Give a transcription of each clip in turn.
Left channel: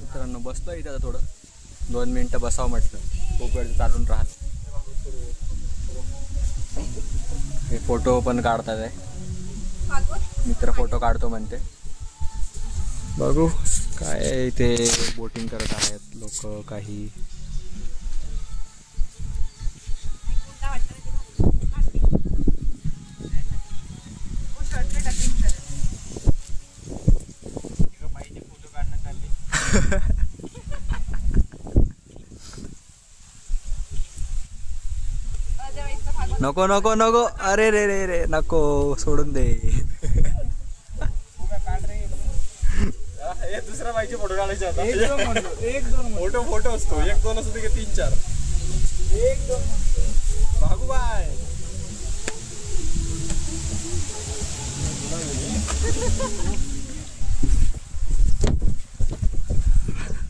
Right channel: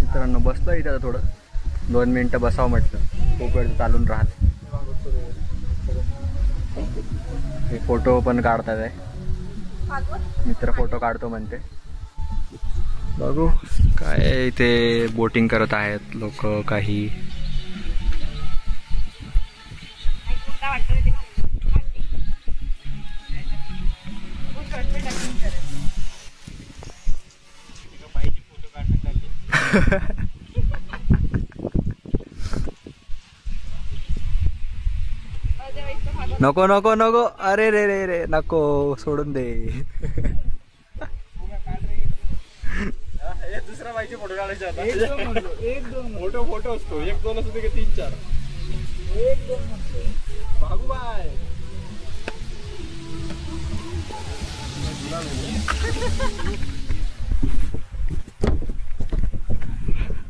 मित्रांनो बसलो इथं थोडं 2 मिनिटं बसावं म्हटलं, खूप वेळ चालून राहत. हे फोटो पण काढतात आहे, मित्र फोटो काढतो म्हणते. बघू काय इथे बोटिंग करत आहेत लोक काही. नको नको नको, अरे रे रे रे नको, सोडून दे. दुसरा बाईचे फोटो काढायचे आता. एक दोन फोटो असतो, 1-2 असतो की 3-4. 1-2 भागूबाई.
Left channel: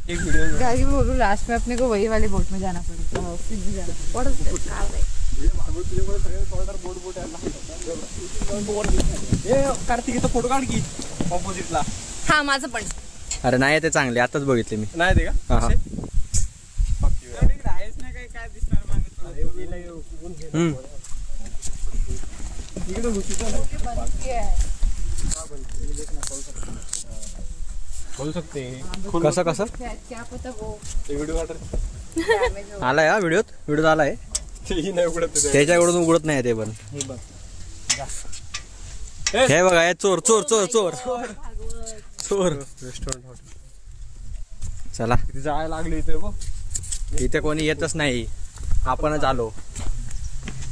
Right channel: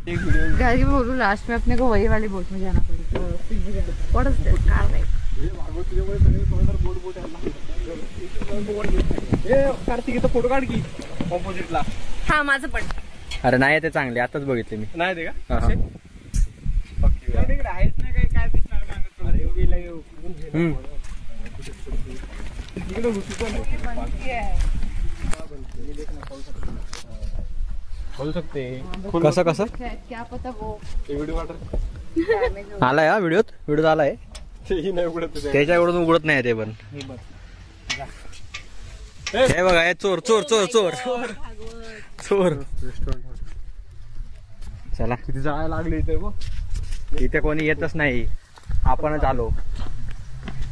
एक वीडियो बोलू लास्ट में अपने को वही वाली बोट में जाना पड़ेगा. कार्तिक फोटो काढ की ऑपोजिटला. हा माझं पण. अरे नाही ते चांगले, आताच बघितले मी. नाही ते का आहेच नाही काही, काय दिसणार बोल सकते. कसं कसं क्या पता वो व्हिडिओ आलाय हा व्हिडिओ आलाय. त्याच्याकडून उघडत नाही ते पण. हे बघा हे चोर चोर चोर चोर चोर. चला किती जायला लागले इथे बघ. इथे कोणी येतच नाही, आपणच आलो.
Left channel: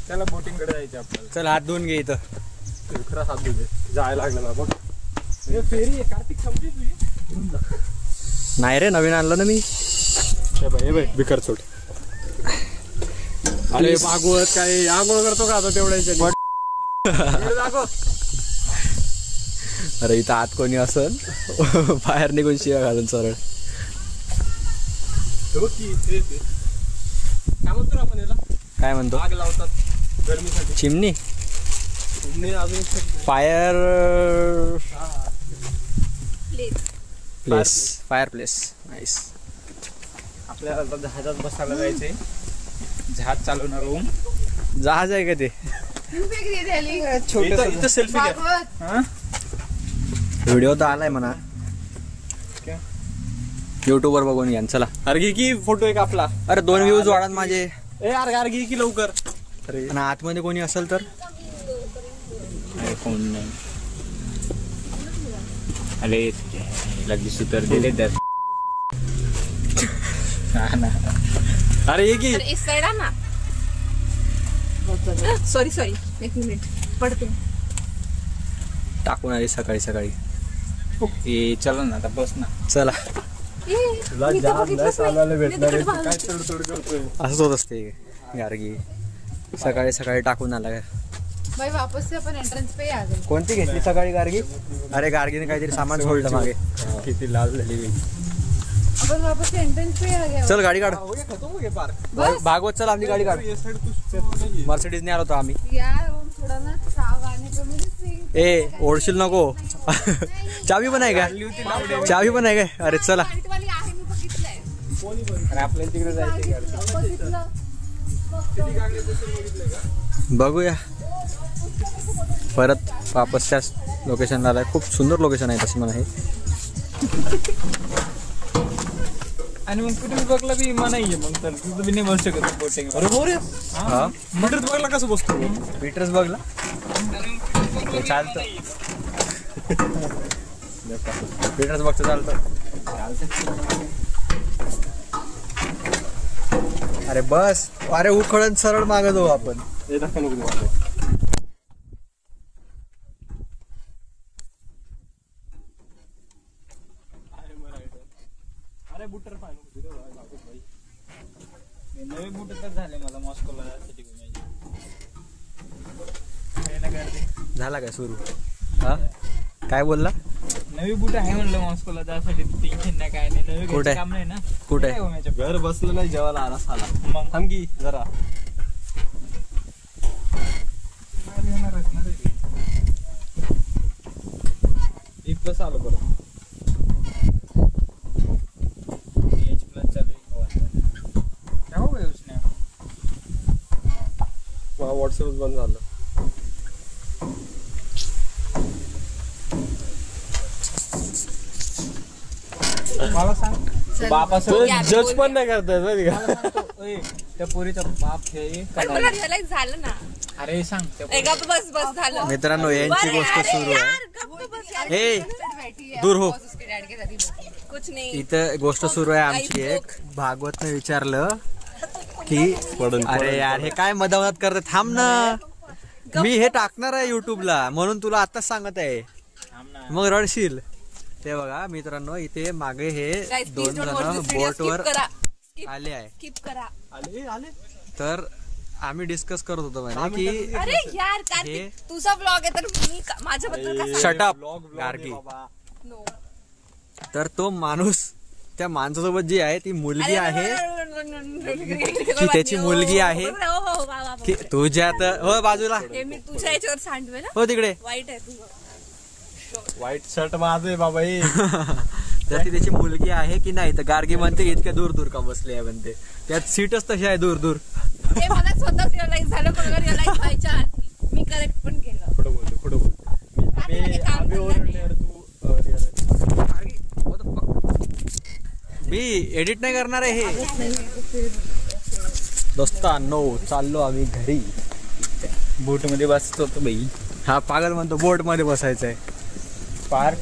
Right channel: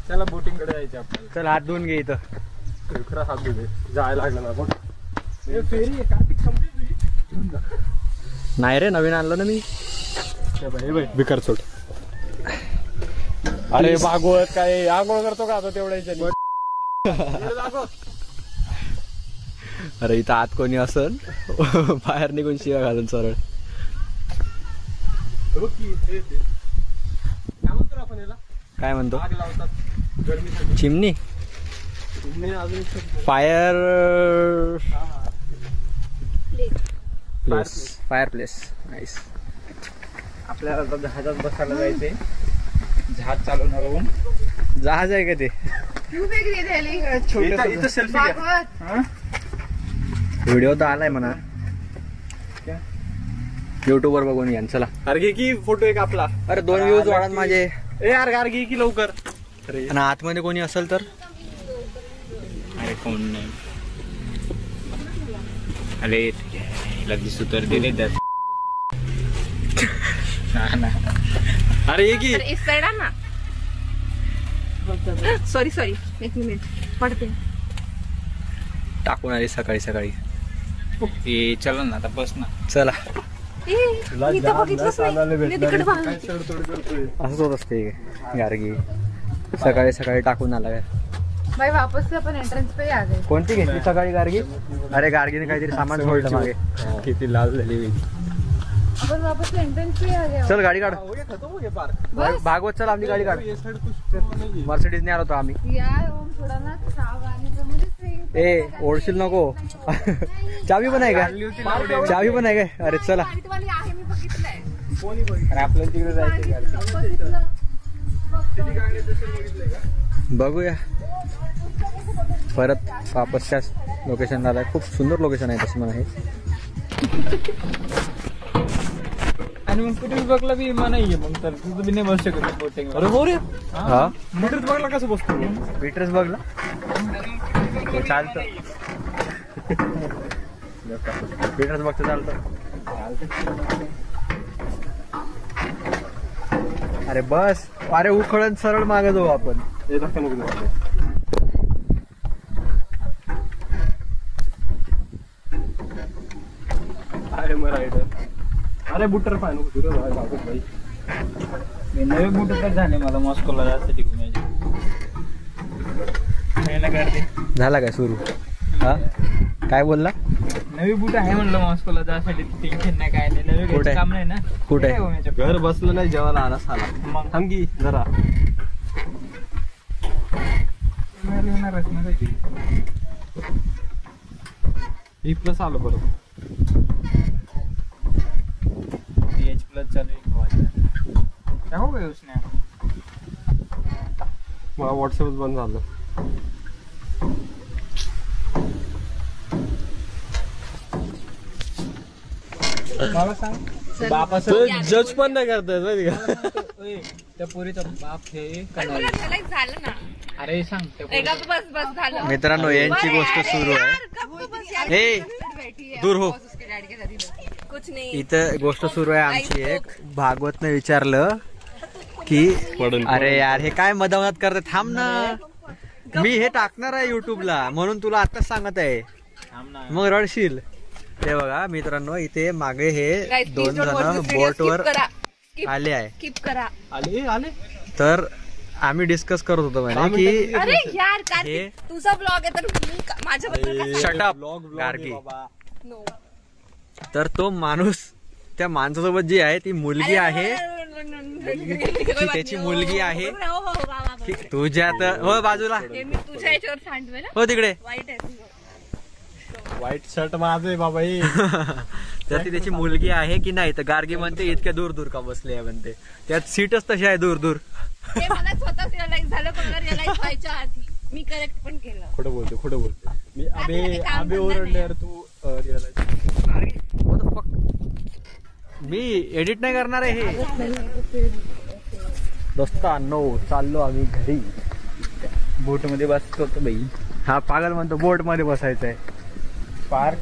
त्याला बोटिंग कडे जायचं आपल्याला. चल हात धुवून घे इथं. खरं हात धुवून जायला लागलं ना बघ. फेरी आहे कार्तिक, समजी तुझी नाही रे, नवीन आणलं ना मी. बिकर सोड. अरे भागवत काय आगोळ करतो का आता तेवढ्या. अरे इथं आत कोणी असल बाहेर निघून शिव्या घालून सरळ. काय म्हणतो आपण याला, काय म्हणतो, आग लावतात गरमीसाठी. चिमणी. अजून fire place. Fire place. Nice. आपल्याला जहाजात बसायला जायचंय. जहाज चालवणार आहोत. जहाज आहे का ते? छोटं सेल्फी घ्या. व्हिडिओ तर आलाय म्हणा, युट्यूब वर बघून घ्या. चला अरे घे की फोटो एक आपला. अरे 2 व्ह्यूज वाढत माझे. ए यार गार घे की लवकर. आणि आतमध्ये कोणी असेल तर फोन नाही. अरे लगेच सुतर दिले त्यात. अरे ये की इस साइड ना. सॉरी एक मिनिट पडते. टाकून आली सकाळी सकाळी. चला ना आता, बस ना. चला भाई असंच होत असते गार्गी. सकाळी सकाळी टाकून आलाय. वापस से अपन एंट्रेंस पे ही आ गए. कोणती घेतली सकाळी गार्गी? अरे गार्गीने काहीतरी सामान सोडलं मागे. किती लाल झाली. अपन वापस से एंट्रेंस पे आ गए. चल गाडी काढ. भागवत चल, आपली गाडी काढ. मर्सिडीज ने आलो होतो आम्ही. यार थोड़ा ना साव आने पे मुझे ए ओढशील नको. चावी पण आहे का? चावी पण आहे काय? अरे चला आपल्याला तिकडे जायचं. बघूया परत वापसच्याच लोकेशनला आलाय. खूप सुंदर लोकेशन आहे तशी मला हे. आणि मग कुठे बघला बी नाहीये, मग तर तुझं बी नाही बसू शकत बोटिंग. अरे हो रे, मीटर्स बघला कसं बसतो? मीटर्स बघला ते चालतं. मीटर्स बघतं चालतं. अरे बस. अरे उखळून सरळ मागे जाऊ आपण. अरे बुटर पाय नको भाई. नवे बुट तर झाले मला मॉस्कोला जायसाठी घुमायचे. झाला काय सुरू? हा काय बोलला? नवी बुट आहे म्हणलं मॉस्कोला जायसाठी. टेन्शन नाही काय नाही. नवे घ्यायचं काम नाही ना. कुठे घर बसलं नाही, जेवायला आला साला. मग थांबगी जरा प्लस आलो बरोबर. मला व्हॉट्सअप बंद झालं. मला सांग बापा जज पण नाही करताय त्या पोरीचा बाप हे झालं ना. अरे सांग बस बस झालं. मित्रांनो यांची गोष्ट सुरू आहे. हे दूर हो. कुछ नाही. इथं गोष्ट सुरू आहे आमची एक. भागवतने विचारलं की अरे यार हे काय मधामधात करत, थांब ना, मी हे टाकणार आहे युट्यूबला म्हणून तुला आताच सांगत आहे, मग रडशील. ते बघा मित्रांनो इथे मागे हे 2 जण बोटवर आले आहे. स्किप करा. आले तर आम्ही डिस्कस करत होतो म्हणे की अरे यार कार्तिक, तुझा ब्लॉग आहे तर मी माझ्याबद्दल शटअप गार्गी. तर तो माणूस त्या माणसासोबत जी आहे ती मुलगी आहे, ती त्याची मुलगी आहे ती तुझ्या. तर हो बाजूला मी तुझ्या याच्यावर सांडवे ना. हो तिकडे वाईट आहे तुझं. व्हाईट शर्ट माझं आहे बाबा हे. तर ती त्याची मुलगी आहे की नाही. तर गार्गी म्हणते इतक्या दूर दूर का बसले आहे म्हणते, त्यात सीटच तशी आहे दूर दूर. ते मला स्वतःच रिअलाइज झालं, कोणाला रिअलाइज व्हायच्या आधी मी करेक्ट पण केलं. खोटं बोलतो. आम्ही ओरडल्यावर तू मी एडिट नाही करणार आहे हे. दोस्तांनो चाललो आम्ही घरी. बोट मध्ये बसतो तो बाई. हा पागल म्हणतो बोट मध्ये बसायचं आहे. पार्क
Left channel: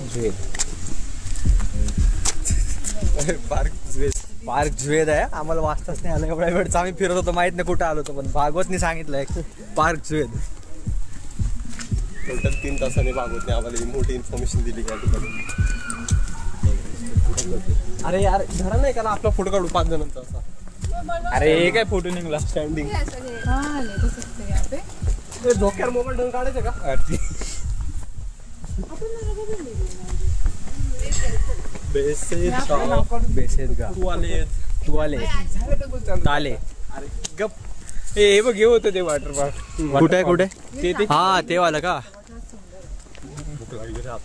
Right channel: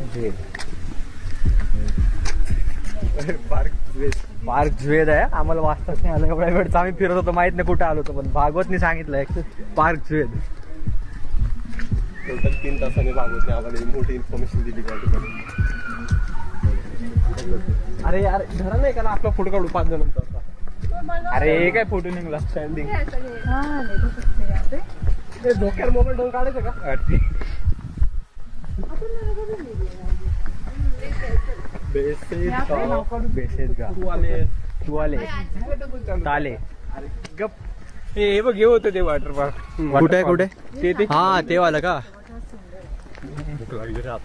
झुवेद आहे. आम्हाला वाचताच नाही आलं, एवढ्या वेळचा आम्ही फिरत होतो, माहित नाही कुठं आलो होतो, पण भागवतनी सांगितलंय पार्क झुवेद. टोटल 3 तासाने भागवतने आम्हाला मोठी इन्फॉर्मेशन दिली त्या ठिकाणी. अरे यार धरा नाही का ना आपला फोटो काढू 5 जणांचा असा. अरे हे काय फोटो निघला स्टँडिंग. हा डोक्यावर मोबाईल ठेवून काढायचं का? बेसेस गा तू आले ताले. गप हे बघ हे होतं ते वॉटर पार्क. कुठे कुठे हा ते वाला का.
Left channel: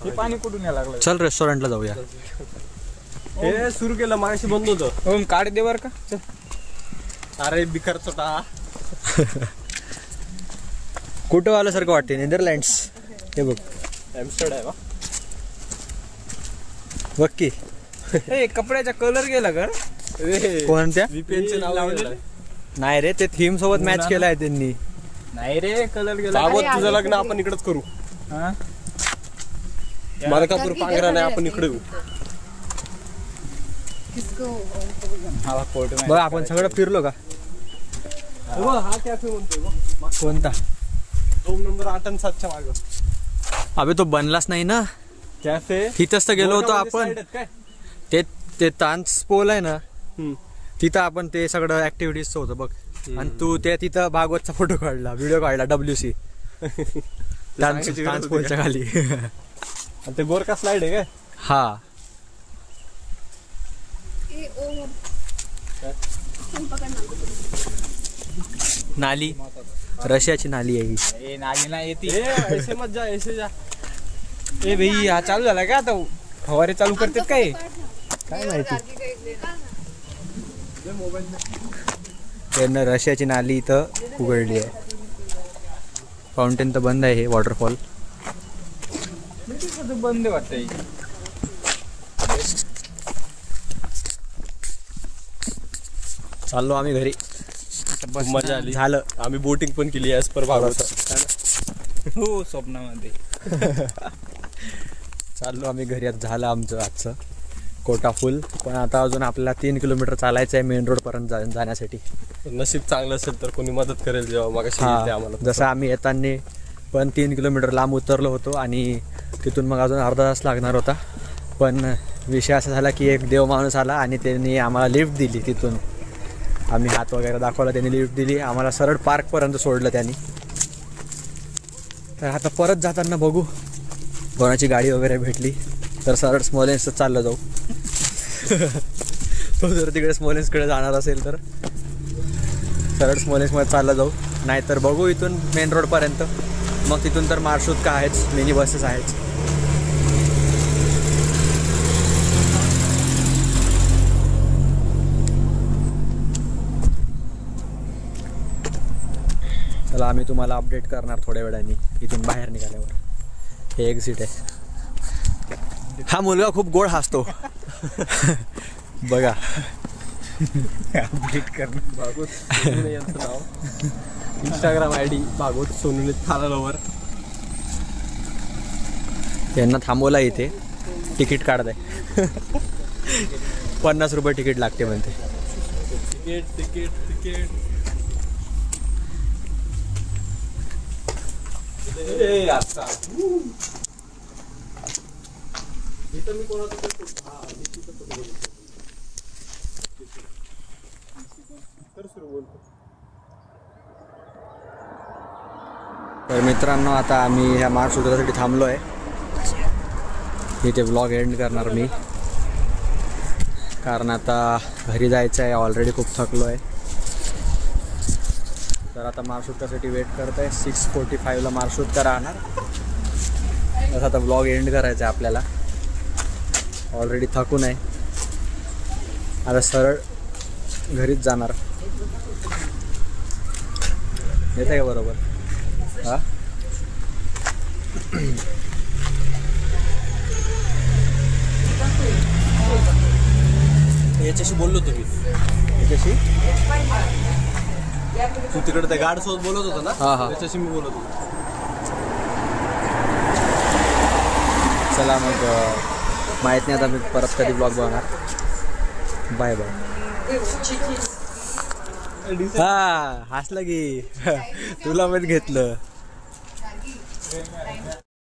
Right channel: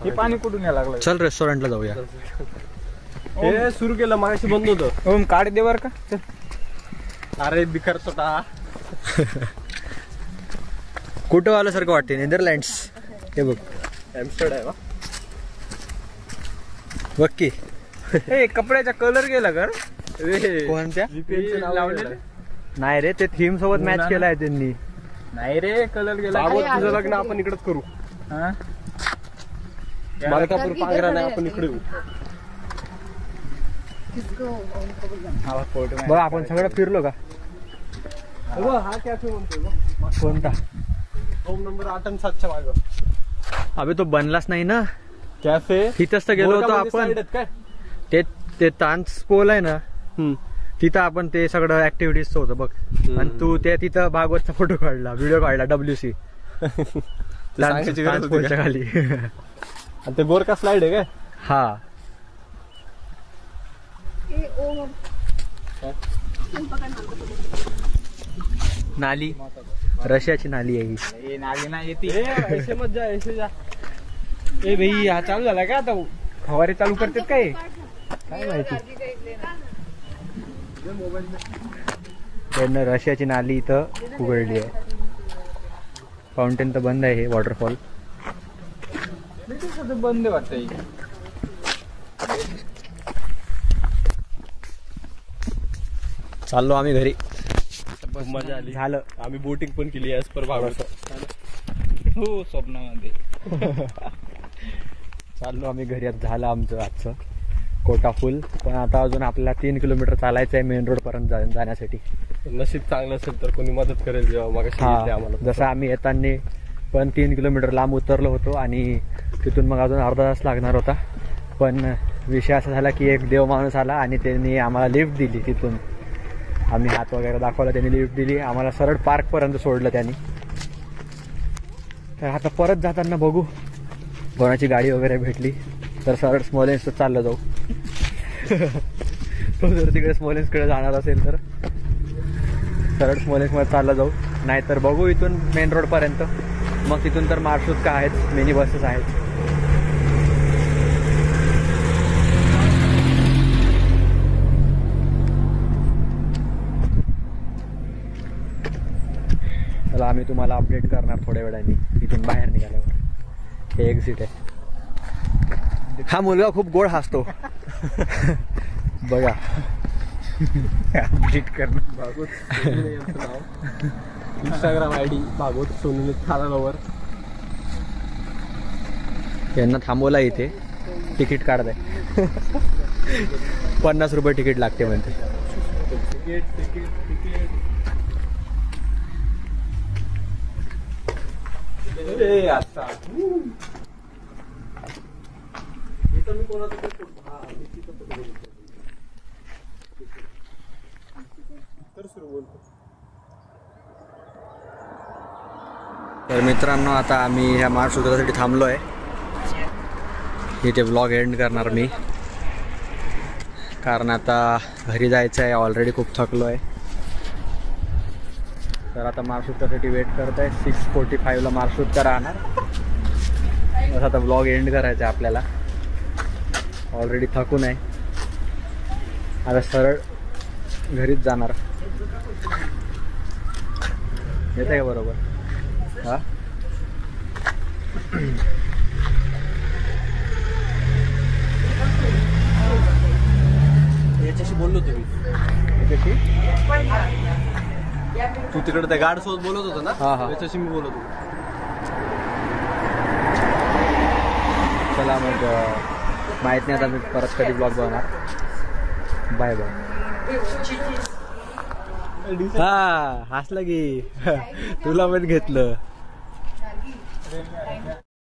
हे पाणी कुठून यायला लागलं. चल रेस्टॉरंटला जाऊया. हे सुरू केलं मागाशी बंद होतं. ओम काढ दे बर का. अरे बिकर चटा. कुठं आल्यासारखं वाटते. नेदरलँड्स. हे बघ एम्स्टरडॅम. बघ की हे कपड्याचा कलर गेला का. कोणत्या VPN नाव लावलेलं नाही रे, ते थीम सोबत मॅच केलाय त्यांनी. नाही रे कलर गेला. भागवत तुझं लग्न आपण इकडेच करू. मलकापूर पांघरा नाही आपण इकडे. बघ आपण सगळं फिरलो का. हा कॅफे म्हणतोय कोणता 2 नंबर 8 आणि 7च्या मागं. अबे तो बनलाच नाही ना कॅफे. तिथंच तर गेलो होतो आपण. ते तांस पोल आहे ना तिथं आपण ते सगळं ऍक्टिव्हिटीज होतं बघ. आणि तू ते तिथं भागवतचा फोटो काढला, व्हिडिओ काढला WC तांस पोलच्या खाली. आणि ते बोरका स्लाइड आहे काय. हा नाली, रशियाची नाली आहे ही. नाली नाही येते. ऐसे मत जा ऐसे जा. ए भाई हा चालू झाला का आता. फवारे चालू करतात काय माहिती. त्यांना रशियाची नाली इथं उघडली आहे. फाउंटेन तर बंद आहे हे वॉटरफॉल. बंद वाटतंय. चाललो आम्ही घरी. मजा आली. झालं. आम्ही बोटिंग पण केली ॲज पर भागवत. हो स्वप्नामध्ये. चाललो आम्ही घरी. आता झालं आमचं आजचं कोटा फुल. पण आता अजून आपल्याला 3 किलोमीटर चालायचं आहे मेन रोड पर्यंत जाण्यासाठी. नशीब चांगलं असेल तर कोणी मदत करेल जेव्हा मग आम्हाला. जसं आम्ही येताना पण 3 किलोमीटर लांब उतरलो होतो आणि तिथून मग अजून अर्धा तास लागणार होता. पण विषय असा झाला की एक देव माणूस आला आणि त्यांनी आम्हाला लिफ्ट दिली. तिथून आम्ही हात वगैरे दाखवला, त्यांनी लिफ्ट दिली आम्हाला. सरळ पार्कपर्यंत सोडलं त्यांनी. तर आता परत जाताना बघू कोणाची गाडी वगैरे भेटली तर सरळ स्मॉलेन्सच चाललं जाऊ. तो जर तिकडे स्मॉलेन्सकडे जाणार असेल तर सरळ स्मॉलेन्समध्ये चाललं जाऊ. नाहीतर बघू इथून मेन रोडपर्यंत. मग तिथून तर मार्शरूट आहेच, मिनी बसेस आहेच. चला आम्ही तुम्हाला अपडेट करणार थोड्या वेळाने इथून बाहेर निघाल्यावर. हे एक्झिट आहे. हा मुलगा खूप गोड हसतो. बघा अपडेट करणार. भागवत यांचं नाव. इंस्टाग्राम ID भागवत सोनूने थालावर. यांना थांबवला इथे. तिकीट काढताय. 50 रुपये तिकीट लागते म्हणते. Ticket ticket ticket. इथं मी कोणाचं सुरू बोलतो. तर मित्रांनो आता आम्ही ह्या महासूत्रासाठी थांबलो आहे. इथे व्लॉग एंड करणार मी, कारण आता घरी जायचं आहे. ऑलरेडी खूप थकलो आहे. तर आता महासूत्रासाठी वेट करत आहे. 6:45ला महासूत्र राहणार. बस आता व्लॉग एंड करायचा आहे आपल्याला. ऑलरेडी थकून आहे. आता सरळ घरीच जाणार. येत आहे का बरोबर? हा याच्याशी बोललो तुम्ही. याच्याशी तू तिकडे त्या गार्ड सोबत बोलत होता ना. हा हा त्याच्याशी मी बोलत होतो. चला मग माहीत नाही आता मी परत कधी ब्लॉग बघणार. Bye bye. हा हसलं की तुला पण घेतलं.